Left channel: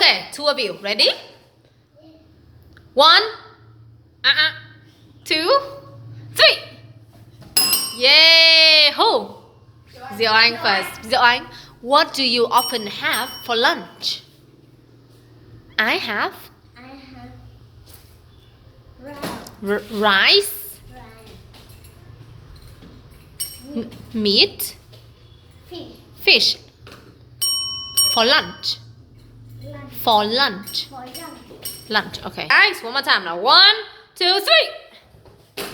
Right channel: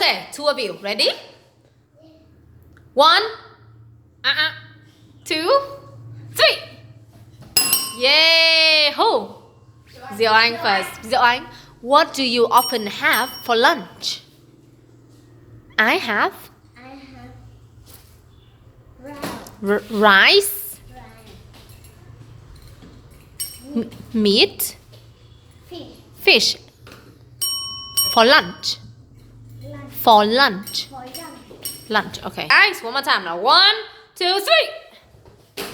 Okay, two of you. Ready? 1, 2, 3. Yay! Who? Diệu Anh first. Diệu Anh, what do you often have for lunch? I have rice, meat, fish. For lunch. For lunch. Lunch. Okay. Guys, one more time now. 1, 2, 3.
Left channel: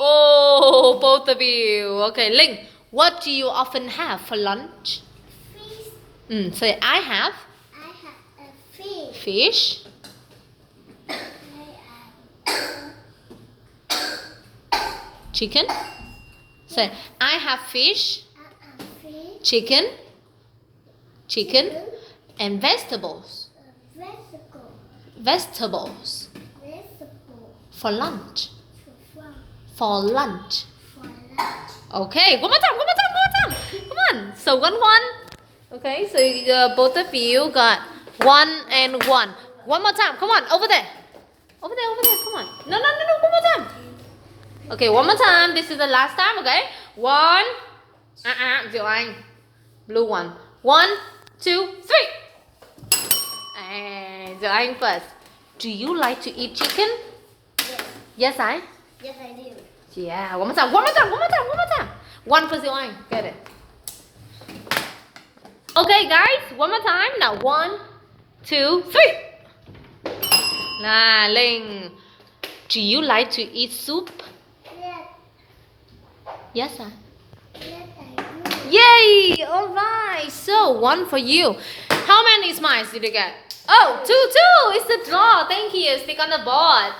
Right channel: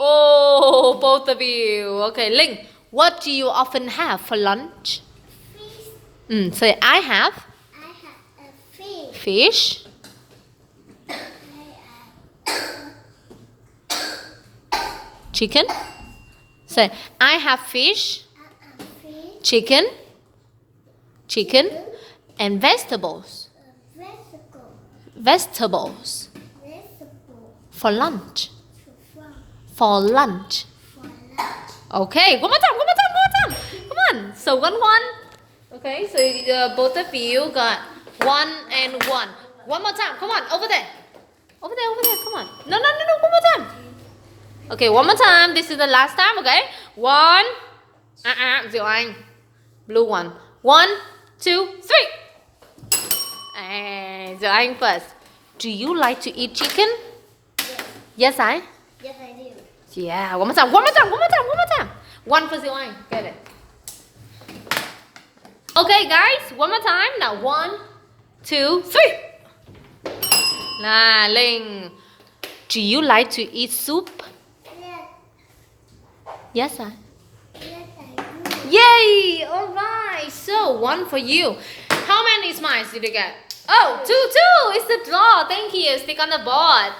Oh, both of you. Okay, Linh, what do you often have for lunch? Fish. Say I have A fish. fish, chicken. Say I have fish, Fish. chicken, and vegetables. Vegetable. For lunch. For For lunch. lunch. Okay, one more time. Come on. So 1, 1. Okay, so both of you got 1 and 1. One more time. Come on, over there. Come on. No. One more time. Okay, one more time. This is the last time. Okay. 1. Diệu Anh. Blue one. 1, 2, 3. And Diệu Anh first. Do you like to eat chicken? Yes. Yes, I. Yes, I do. Yeah, one more time. One for Diệu Anh. Get it. Okay, guys, one more time. Now, 1, 2, 3. Linh. Do you like to eat soup? Yes. Yes, I. Yes, I do. Yay! All right. So, 1 for you. How many smiles did you get? Oh, 2. It's the draw. Thank you. Stick on the board.